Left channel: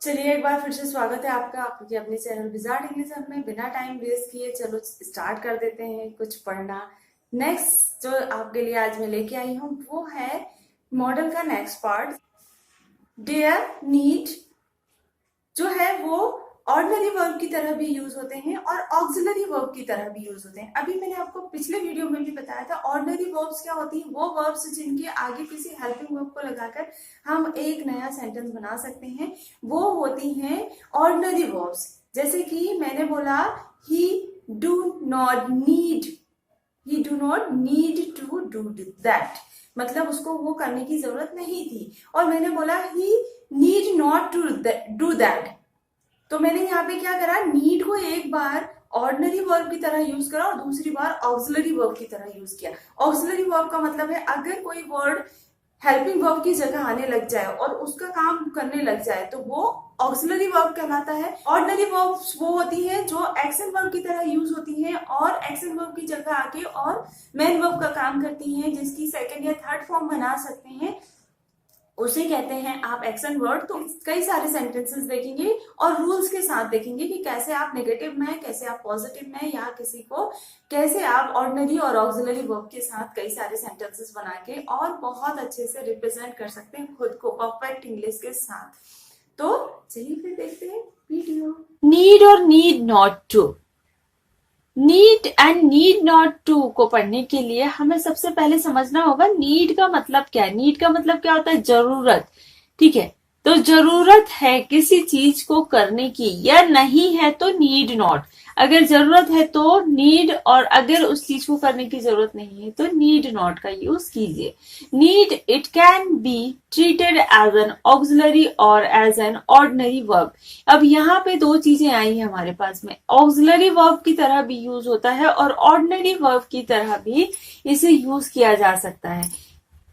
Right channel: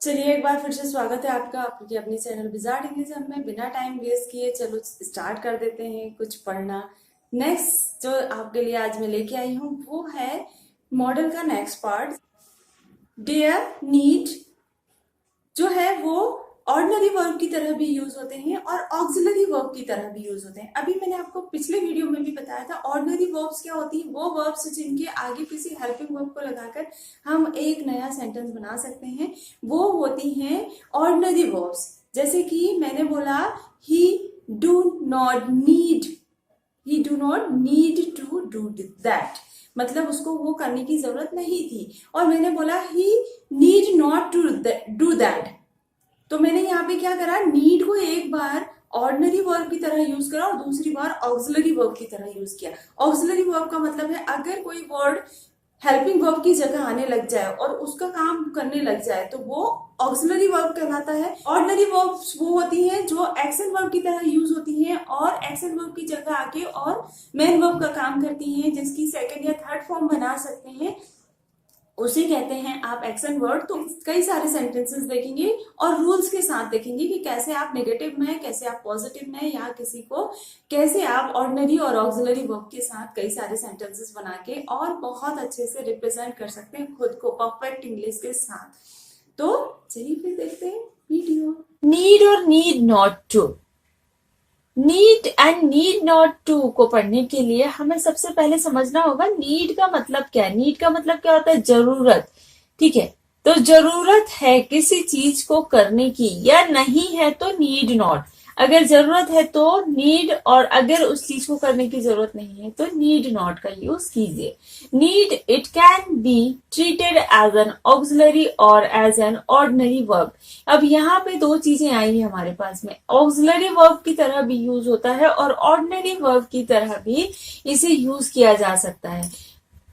चलिए एक बार फिर से स्वागत है आपका आपके अपने चैनल विजार्ड इंग्लिश में। बिना टाइम वेस्ट किए चलो स्टार्ट कर देते हैं कुछ पढ़ना। नेक्स्ट जो आपके लिए आज मैं लेके आई हूँ वो है मॉडल का नेक्स्ट पार्ट। डेयर नीड जो है वो ऑर्डिनरी वर्ब की तरह भी यूज होते हैं और ऑक्सिलरी वर्ब की तरह भी यूज होते हैं। अभी मैंने आपको पिछले वीडियो में भी बताया था ऑर्डिनरी वर्ब्स क्या होती हैं। वो वर्ब्स जिनके आगे किसी हेल्पिंग वर्ब को लगाकर हम एक नया सेंटेंस बना सकते हैं, वो होती हैं ऑर्डिनरी वर्ब्स। जैसे कि मैंने बोला ही do not need he do not need to do that, मतलब उसको वो करने की जरूरत नहीं थी। और मैंने बोला he need not to do that, तो मैंने यहाँ पे क्या करा, नीड को एक बार ऑर्डिनरी वर्ब की तरह यूज करा और दूसरी बार ऑक्सिलरी वर्ब की तरह यूज किया। ऑक्सिलरी वर्ब का मतलब है अगर कोई वर्ड हेल्पिंग वर्ब की जगह आने लग जाए और उसका काम करने लग जाए तो वो ऑक्सिलरी वर्ब कहलाता है। ऑर्डिनरी वर्ब्स वो होती हैं जो एक्शन वर्ब की तरह यूज होती हैं और एक्शन वर्ब की जगह आके और मेन वर्ब का काम करती हैं, जिसकी सेकंड या थर्ड फॉर्म बना सकते हैं, उसे कहते हैं आप एक्शन वर्ड। तो कई सारे सेंटेंसेस देखेंगे और रूल्स के साथ देखेंगे कि कैसे आप नेगेटिव में, कैसे आप पॉजिटिव में, या किसी को कैसे आप ऑर्डिनरी और ऑक्सिलरी वर्ब के साथ कई सारे सेंटेंसेस बना के और बहुत अच्छे से रिप्रेजेंट कर सकते हैं खुद को परफेक्ट इंग्लिश के साथ। तो चलिए फिर देखते हैं वीडियो। नीड और need not to. Need and need not to को पढ़ने के लिए हमें सबसे पहले समझना होगा नीड का मतलब क्या है। नीड का मतलब क्या होता है? जरूरत। ठीक है, तो जरूरत है किसी चीज को करने की या नहीं है तो नीड नॉट। अगर जरूरत है तो नीड, और अगर उस चीज को करने की जरूरत नहीं है तो नीड नॉट का यूज कीजिए। Need it can be treated as an auxiliary और एज एन ऑर्डिनरी वर्ब। अब यहाँ पे दो चीजें आई हैं हमारे पास में, ऑक्सिलरी वर्ब की तरह भी यूज होता है और ऑर्डिनरी वर्ब की तरह भी इसे यूज किया जा सकता है।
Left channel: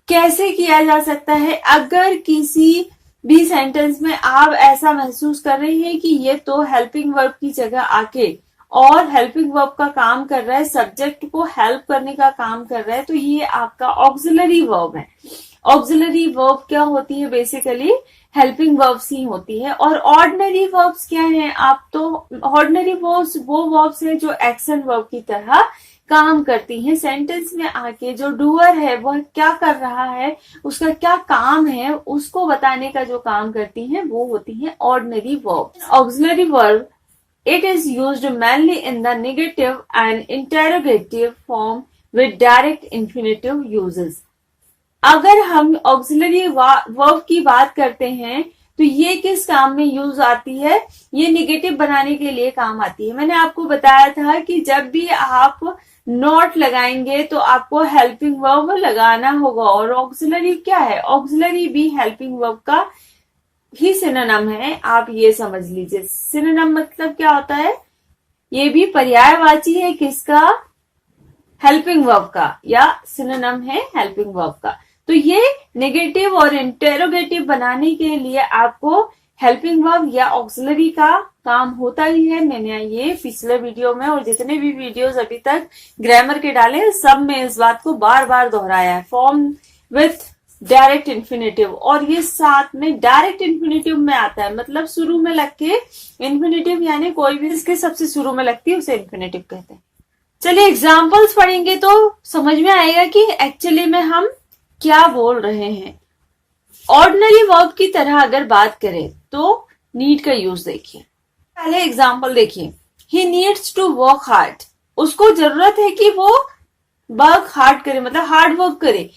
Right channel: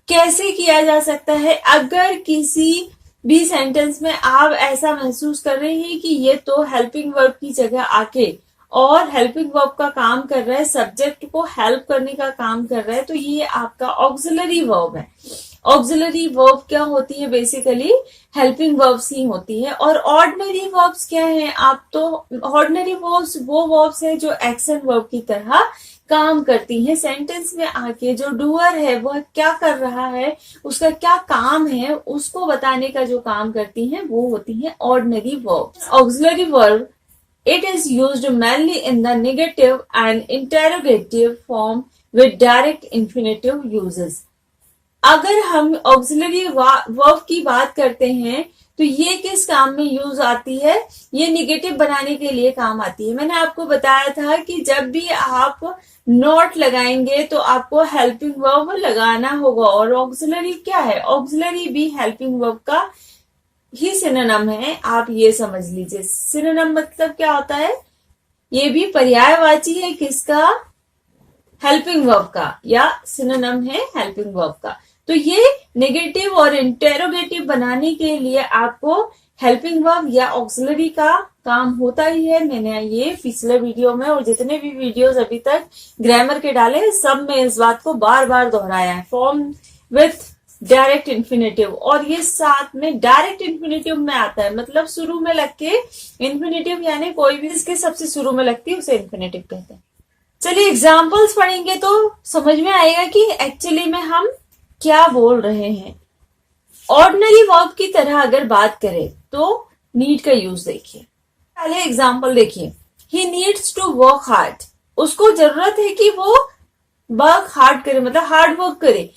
कैसे किया जा सकता है? अगर किसी भी सेंटेंस में आप ऐसा महसूस कर रहे हैं कि ये तो हेल्पिंग वर्ब की जगह आके और हेल्पिंग वर्ब का काम कर रहा है, सब्जेक्ट को हेल्प करने का काम कर रहा है, तो ये आपका ऑक्सिलरी वर्ब है। ऑक्सिलरी वर्ब क्या होती है? बेसिकली हेल्पिंग वर्ब्स ही होती है। और ऑर्डिनरी वर्ब्स क्या है? आप तो ऑर्डिनरी वर्ब्स वो वर्ब्स है जो एक्शन वर्ब की तरह काम करती हैं। सेंटेंस में आके जो डूअर है वह क्या कर रहा है, उसका क्या काम है, उसको बताने का जो काम करती हैं वो होती हैं ordinary verb. Auxiliary verb it is used mainly in the negative and interrogative form with direct infinitive uses. अगर हम ऑक्सिलरी वर्ब की बात करते हैं तो ये किस काम में यूज आती है? ये निगेटिव बनाने के लिए काम आती है। मैंने आपको बताया था कि जब भी आप नॉट लगाएंगे तो आपको हेल्पिंग वर्ब लगाना होगा। और ऑक्सिलरी क्या है? ऑक्सिलरी भी हेल्पिंग वर्ब का ही सिनोनिम है, आप ये समझ लीजिए। सिनोनिम मतलब क्या होता है? ये भी पर्यायवाची है किसका? हेल्पिंग वर्ब का, या सिनोनिम है हेल्पिंग वर्ब का। तो ये नेगेटिव और इंटेरोगेटिव बनाने के लिए आपको हेल्पिंग वर्ब या ऑक्सिलरी का काम होता ही है। मैंने ये पिछले वीडियो में और जितने भी वीडियोस अभी तक ग्रामर के डाले सब में इस बात को बार बार दोहराया है। फॉर्म विथ डायरेक्ट इन्फिनेटिव, और ये साथ में डायरेक्ट इन्फिनेटिव में आता है, मतलब शुरू में लग के इन्फिनेटिव, यानी कोई भी इसके सबसे शुरू में लगती है उसे इन्फिनेटिव कहते हैं। चलिए एग्जाम्पल्स पढ़ेंगे तो समझ में आएगा कि एक्चुअली में हम क्या बोल रहे हैं। ऑर्डिनरी वर्ब की तरह अगर बात करें तो नीड का यूज देखिए। पहले एग्जाम्पल देखिए, he needs to work hard. उसको जरूरत है कि वो वर्क हार्ड करे, मतलब हार्ड वर्क करे।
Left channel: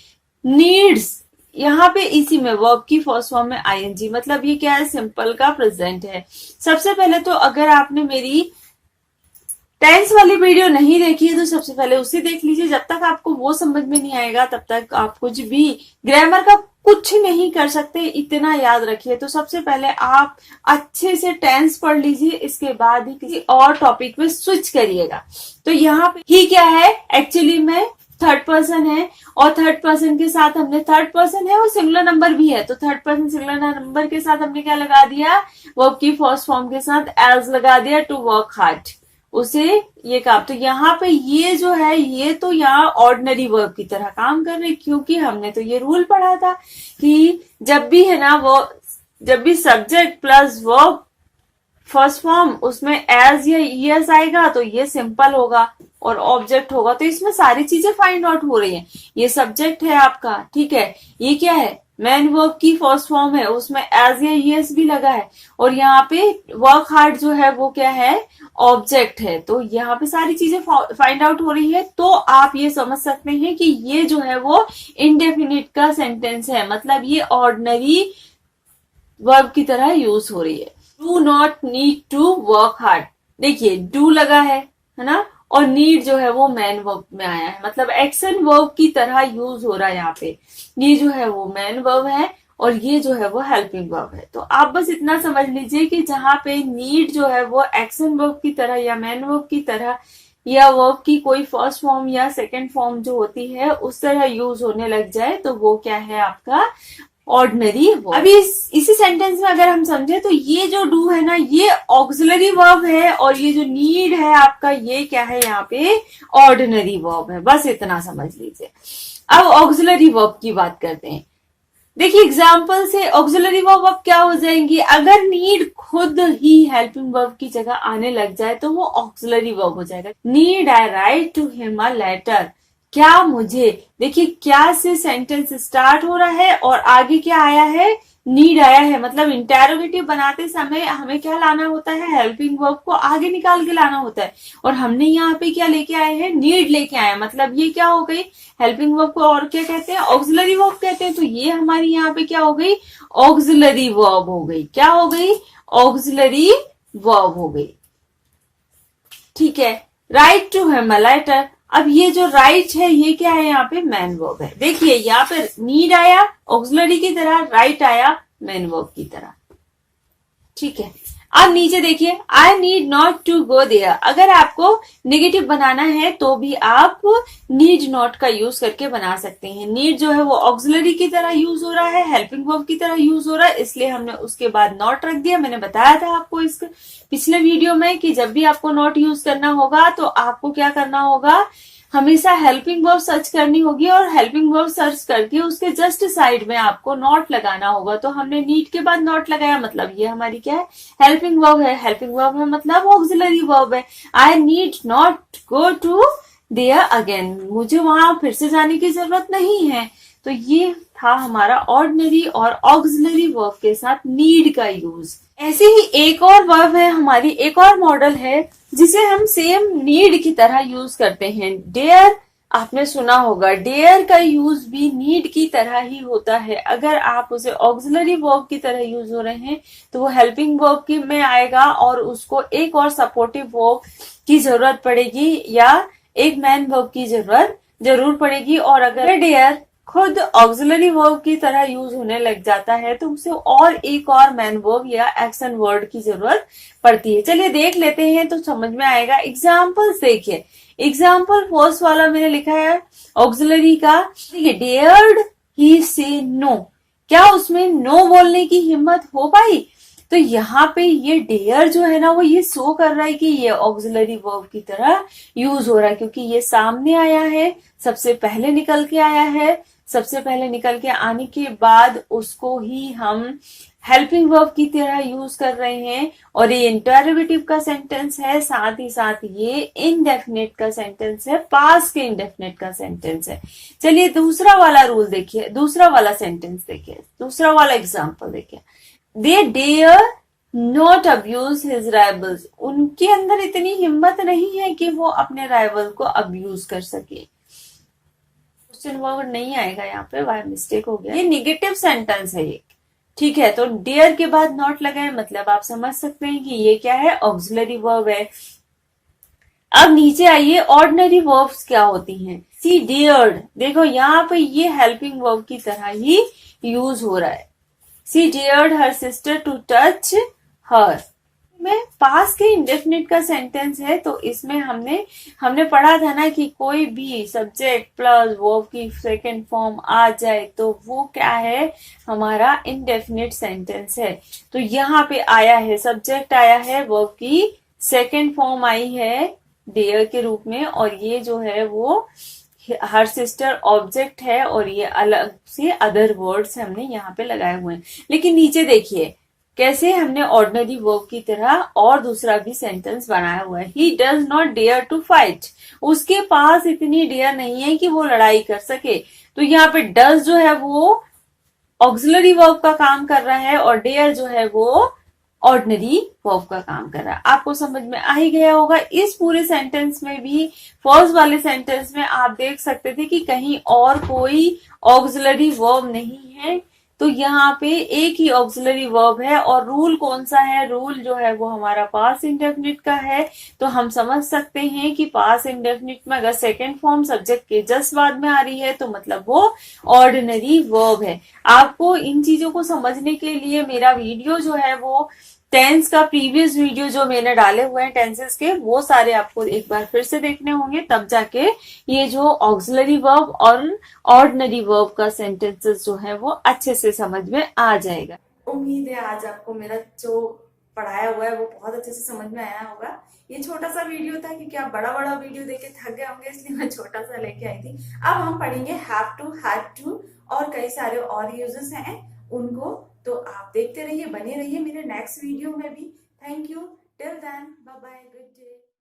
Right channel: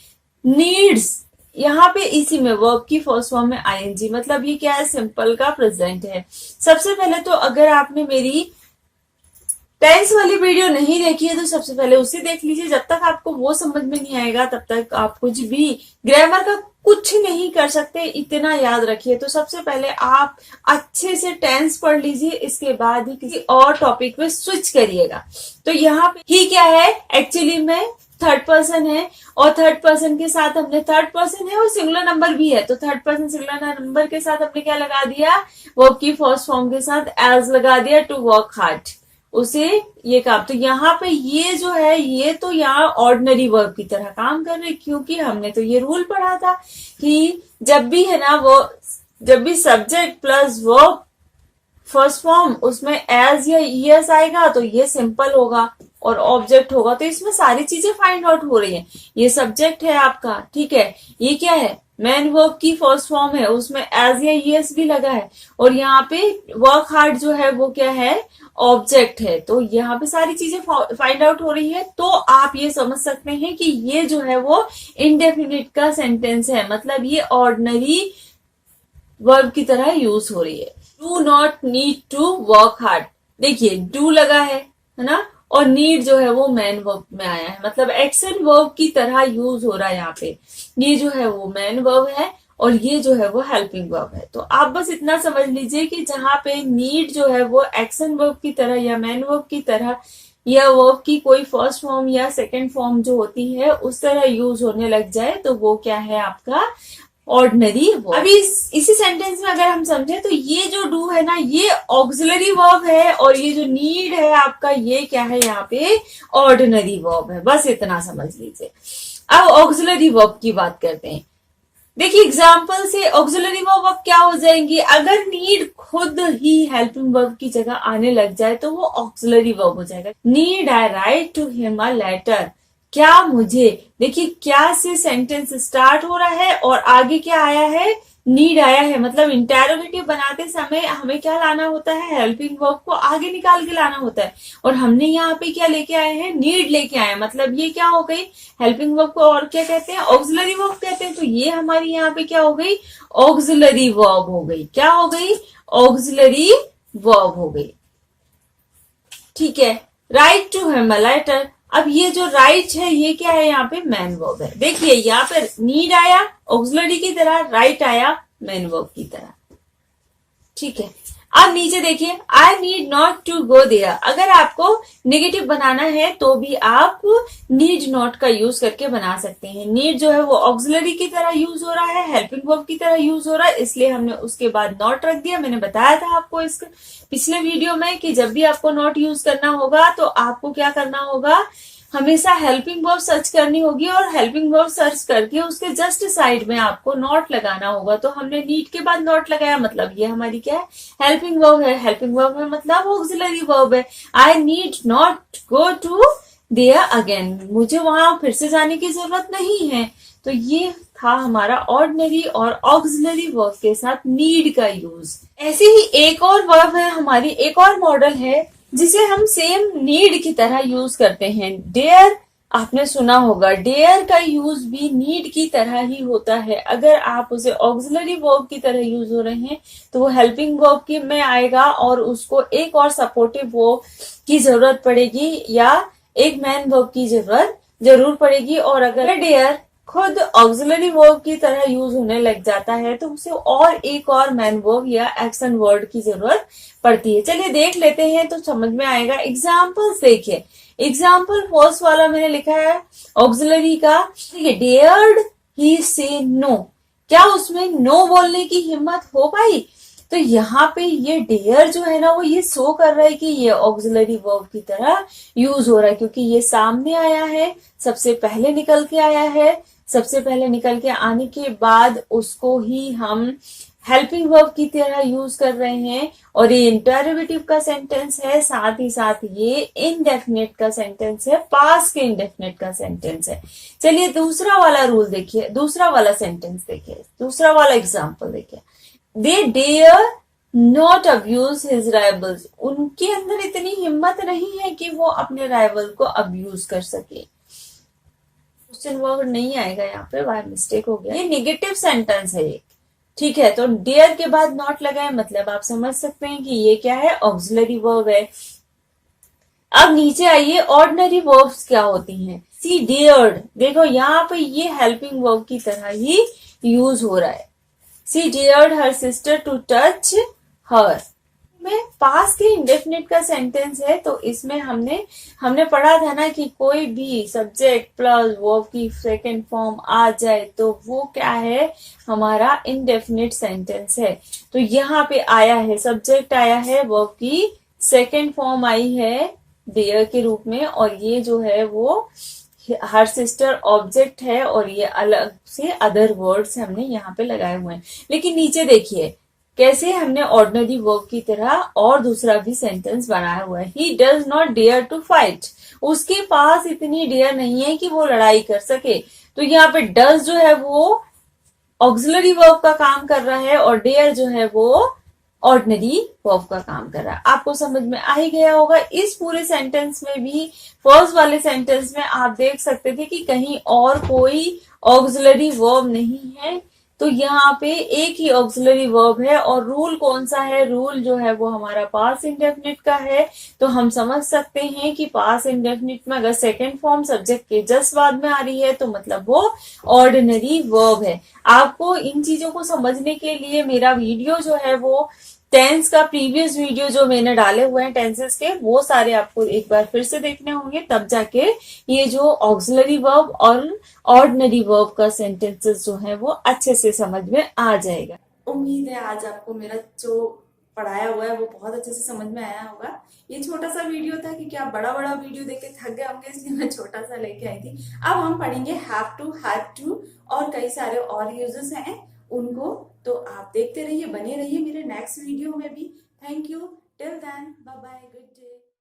नीड्स यहाँ पे इसी में वर्ब की फर्स्ट फॉर्म में आईएनजी, मतलब ये क्या है? सिंपल का प्रेजेंट है। सबसे पहले तो अगर आपने मेरी टेंस वाली वीडियो नहीं देखी है तो सबसे पहले उसे देख लीजिए। जब तक आपको वो समझ में नहीं आएगा तब तक आप कुछ भी ग्रामर का कुछ नहीं कर सकते, इतना याद रखिए। तो सबसे पहले आप अच्छे से टेंस पढ़ लीजिए, इसके बाद ही किसी और टॉपिक पे स्विच करिएगा। तो यहाँ पे ही क्या है? एक्चुअली में थर्ड पर्सन है, और थर्ड पर्सन के साथ हमने, थर्ड पर्सन है और सिंगुलर नंबर भी है, तो थर्ड पर्सन सिंगुलर नंबर के साथ हमने क्या लगा दिया? वर्ब की फर्स्ट फॉर्म के साथ एज लगा दिया, टू वर्क हार्ड, उसे ये काम। तो यहाँ पे ये जो है ये तो यहाँ ऑर्डिनरी वर्ब की तरह काम कर रही, क्योंकि हमने तो ये रूल पढ़ा था कि जब भी है ना वो जब भी subject plus verb first form उसमें एज या ईएस आएगा तो ये सिंपल होगा और ऑब्जेक्ट होगा, तो इसमें सारी चीजें फाइंड आउट हो रही हैं। ये सब्जेक्ट है आपका, ठीक है, ये क्या है, मैन वर्ब की फर्स्ट फॉर्म है, उसमें एज या ईएस भी लगा है, और यहाँ पे वर्क हार्ड जो है वो क्या है, ऑब्जेक्ट है। तो यहाँ पे सारी चीजें फाइंड आउट हो रही है, तो आप ये समझ सकते हैं कि ये जो है वो इंडेफिनिट का सेंटेंस है, मतलब ये ऑर्डिनरी वर्ब की तरह यूज हो रही है। Do not need to work hard, देखिए डू लगा है ना, और नीड जो है वो मैन वर्ब में आया है, मतलब एक्शन वर्ब की तरह यूज हो रहा है यहाँ पे। ये जो है वो मैन वर्ब है और ये जो है वो हेल्पिंग वर्ब है। तो आप बस इतना समझ लीजिए कि जहां पे नीड जो है वो एक्शन वर्ब की तरह या मैन वर्ब की तरह या वर्ब की कोई फर्स्ट फॉर्म या सेकंड फॉर्म जो होती है उस तरह यूज होने लग जाए तो वो क्या है, आपका ऑर्डिनरी वर्ब। अभी इसी सेंटेंस में अगर हम समझे तो ये जो डू है ना ये ऑक्सिलरी वर्ब है, और ये जो नीड है आपका ये क्या है, यहाँ पे ऑर्डिनरी वर्ब है। बस इतना समझ लीजिए। अब ऑक्सिलरी वर्ब की बात करते हैं। देखिए एग्जाम्पल से ऑक्सिलरी वर्ब अब क्या हो जाएंगी, अगर नीड खुद ही हेल्पिंग वर्ब की जगह आने लग जाए तो वो ऑक्सिलरी वर्ब हो जाएगा। Need I write to him a letter, क्या मुझे, देखिए क्या से सेंटेंस स्टार्ट हो रहा है और आगे क्या आया है, नीड आया है, मतलब इंटेरोगेटिव बनाते समय हमें क्या लाना होता है, हेल्पिंग वर्ब को आगे निकाल के लाना होता है, और हमने यहाँ पे क्या लेके आए हैं, नीड लेके आए, मतलब ये क्या हो गई, हेल्पिंग वर्ब को और क्या कहते हैं, ऑक्सिलरी वर्ब कहते हैं। तो ये हमारी यहाँ पे क्या हो गई, ऑक्सिलरी वर्ब हो गई। क्या हो गई, ऑक्सिलरी वर्ब हो गई, ठीक है। Write to him a letter, अब ये जो राइट है ये क्या है, यहाँ पे मैन वर्ब है। देखिए यहाँ पे नीड आया ऑक्सिलरी की तरह, राइट आया मैन वर्ब की तरह, ठीक है। अब नीचे देखिए, I need not to go there, अगर आपको नेगेटिव बनाना है तो भी आप नीड नॉट का यूज करके बना सकते हैं। नीड जो है वो ऑक्सिलरी की तरह यूज हो रहा है, हेल्पिंग वर्ब की तरह यूज हो रहा है, इसलिए हमने उसके बाद नॉट रख दिया। मैंने बताया था आपको इस पिछले वीडियो में कि जब भी आपको नॉट यूज करना होगा तो आपको क्या करना होगा, हमेशा हेल्पिंग वर्ब सर्च करनी होगी, और हेल्पिंग वर्ब सर्च करके उसके जस्ट साइड में आपको नॉट लगाना होगा। तो हमने नीड के बाद नॉट लगाया, मतलब ये हमारी क्या है, हेल्पिंग वर्ब है। हेल्पिंग वर्ब है मतलब ऑक्सिलरी वर्ब है। I need not go to there again, मुझे वहां फिर से जाने की जरूरत नहीं है। तो ये था हमारा ऑर्डिनरी और ऑक्सिलरी वर्ब के साथ नीड का यूज। ऐसे ही एक और वर्ब है हमारी, एक और मॉडल है जिसे हम सेम नीड की तरह यूज करते हैं, डेयर। आपने सुना होगा डेयर का यूज भी नीड की तरह ही होता है। अगर आप उसे ऑक्सिलरी वर्ब की तरह यूज हो रहे हैं तो वो हेल्पिंग वर्ब की में आएगा और उसको एक और सपोर्टिव वर्ब की जरूरत पड़ेगी या एक मैन वर्ब की जरूरत जरूर पड़ेगी। और अगर डेयर खुद ऑक्सिलरी वर्ब की तरह यूज होने लग जाता है तो उसे और एक और मैन वर्ब या एक्शन वर्ड की जरूरत पड़ती है। चलिए देख लेते हैं तो समझ में आएगा। एग्जाम्पल्स देखिए, एग्जाम्पल फर्स्ट वाला मैंने लिखा है ऑक्सिलरी का, डेयर्ड ही से नो, क्या उसमें नो बोलने की हिम्मत हो पाई। तो यहाँ पे ये डेयर जो है ना वो ये शो कर रहा है कि ये ऑक्सिलरी वर्ब की तरह यूज हो रहा है, क्योंकि ये सामने आया है, सबसे पहले निकल के आया है, सबसे पहले निकल के आने के बाद उसको ही हम हेल्पिंग वर्ब की तरह यूज कर रहे हैं। और ये इंटरोगेटिव का सेंटेंस है, साथ ही साथ ये इनडेफिनेट का सेंटेंस है, पास्ट के इनडेफिनेट का सेंटेंस है। चलिए दूसरा वाला रूल देखिए, दूसरा वाला सेंटेंस देखिए, दूसरा वाला एग्जाम्पल देखिए। They dare not abuse his rivals, उनके अंदर इतनी हिम्मत नहीं है कि वो अपने राइवल को अब्यूज कर सके। क्वेश्चन वर्ड नहीं आएगा यहाँ पे, बाय मिस्टेक हो गया, ये निगेटिव सेंटेंस है ये, ठीक है। तो डेयर के बाद नॉट लगाए, मतलब आप समझ सकते हैं कि ये क्या है, ऑक्सिलरी वर्ब है। अब नीचे आइए, ऑर्डिनरी वर्ब्स क्या होती हैं। सी डेयर्ड, देखो यहाँ पे ये हेल्पिंग वर्ब की तरह ही यूज हो रहा है। She dared her sister to touch her में पास के इंडेफिनिट का सेंटेंस है, तो इसमें हमने पढ़ा था ना कि कोई भी सब्जेक्ट प्लस वर्ब की सेकेंड फॉर्म आ जाए तो वो क्या है, हमारा इंडेफिनिट सेंटेंस है। तो यहाँ पे आया है, सब्जेक्ट आया है, वर्ब की सेकेंड फॉर्म आई है डेयर के रूप में, और ये जो है वो हर सिस्टर ऑब्जेक्ट है और ये अलग से अदर वर्ड्स हमने यहाँ पे लगाए हुए हैं। लेकिन नीचे देखिए कैसे हमने ऑर्डिनरी वर्ब की तरह और दूसरा भी सेंटेंस बनाया हुआ है। He does not dare to fight, उसके पास इतनी डेयर नहीं है कि वो लड़ाई कर सके। तो यहाँ पे डज जो है वो ऑक्सिलरी वर्ब का काम कर रहा है और डेयर जो है वो ऑर्डिनरी वर्ब का काम कर रहा है। आपको समझ में आ ही गया होगा। इस पूरे सेंटेंस में भी फर्स्ट वाले सेंटेंस में आप देख सकते थे कि कहीं और कोई ऑक्सिलरी वर्ब नहीं है, तो यहाँ पे एक ही ऑक्सिलरी वर्ब है। और रूल कौन सा है? रूल जो है वो हमारा पास्ट इंडेफिनिट का है। तो हम समझ सकते हैं कि पास्ट इंडेफिनिट में अगर सेकंड फॉर्म सब्जेक्ट के जस्ट बाद में आ रही है तो मतलब वो ऑर्डिनरी वर्ब है। आपको इन चीजों को समझने के लिए मेरा वीडियो जो है वो टेंस का प्रीवियस वीडियो जो मैंने डाले हुए हैं टेंसेस के, वो सारे आपको एक बार फिर से देखने होंगे, तब जाके ये जो ऑक्सिलरी वर्ब और ऑर्डिनरी वर्ब का सेंटेंसेस जो है वो अच्छे से समझ में आ जाएगा। उम्मीद है आज आपको मेरा जो पढ़ाया हुआ है वो बहुत अच्छे से समझ में आया होगा। ये छोटा सा वीडियो था क्योंकि आप बड़ा बड़ा वीडियो देख के थक गए होंगे, इसलिए मैं छोटा सा लेके आई थी। अब हम पढ़ेंगे हैव टू, हैड टू और कई सारे और यूजेस हैं उनको। तो आप देखते रहिए, बने रहिए मेरे नेक्स्ट वीडियो में भी। Thank you, till then, bye bye, good day.